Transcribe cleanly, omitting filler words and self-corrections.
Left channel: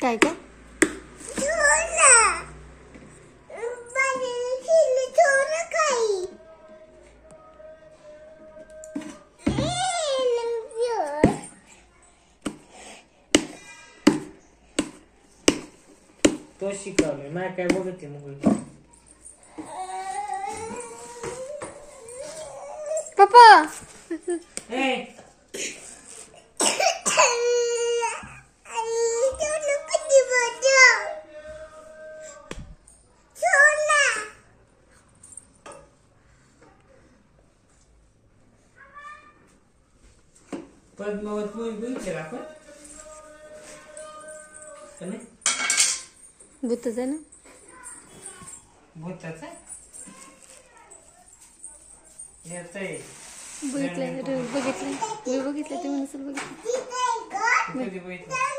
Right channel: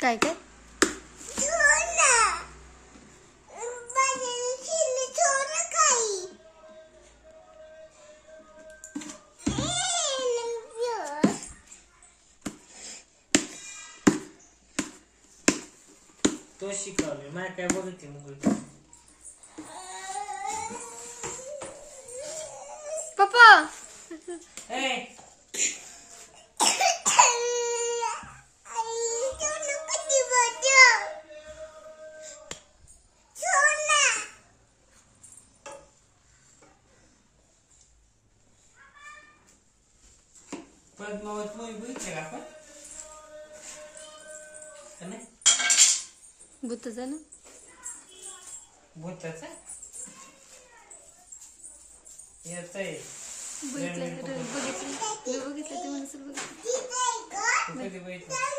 काय काय तो शिकवले नाही काय बघते मग पप्पा पद्मावत मूवी बघितली का आपण भूतच आहे ना भूताचा येतंय बघितलं बघितलं ते म्हणून कधी बघितलं